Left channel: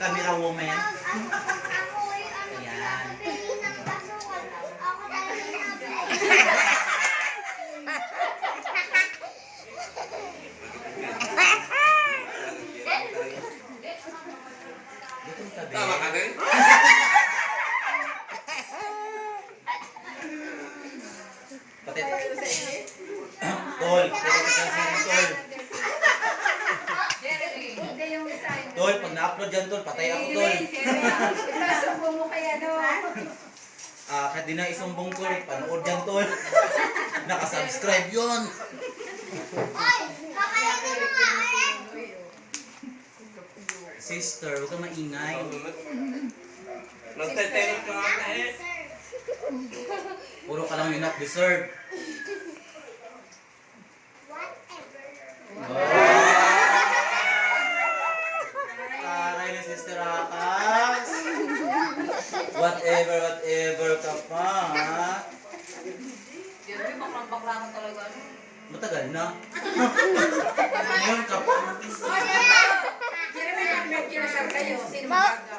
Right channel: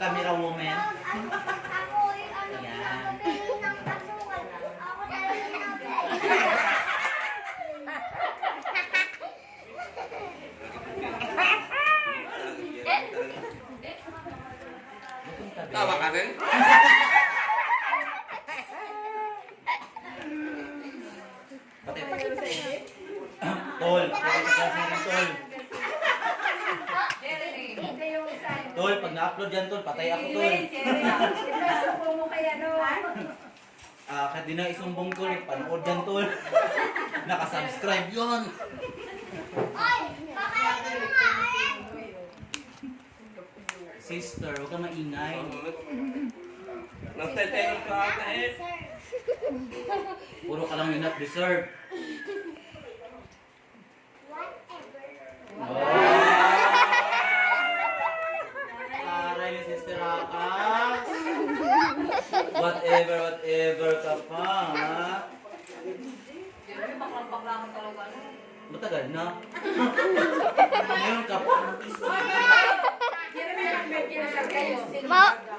camera woman. Ako yung ano, Ayan. pinapabili ng asukal. Ako talaga nabili. Tama ka din? Patay. Tol, patay sa klase ng tol. Tol, pag na-upload yan tol, patay ako tol. Ipasubo mo kaya no. Kahit di na isumbong tol, panood yan tol. Nakasubscribe yun. Oy, kakain ka na nga, eh. Sister, huwag kang maingay. Nagtatanong ka ata eh. Puro ka lang yung not deserve. Aray ni Sister Akas. Whatever ka pa, ha? Matagal na. Ngayon ka pa.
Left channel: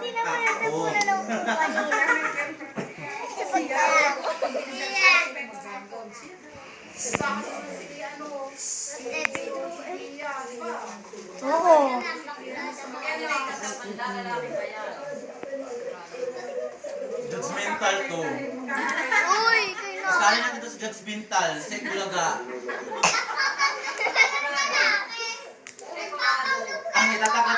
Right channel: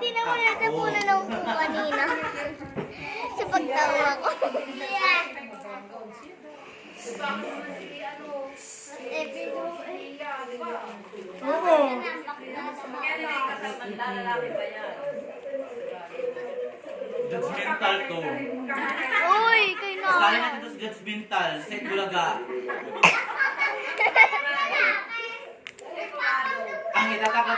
Di naman natin po na lang po kanina. Sa pagtawag ko. Oo. Judgmental to. Uy, kayo na. Kasali natin to sa judgmental. Sa Bulaga. Ang itatakot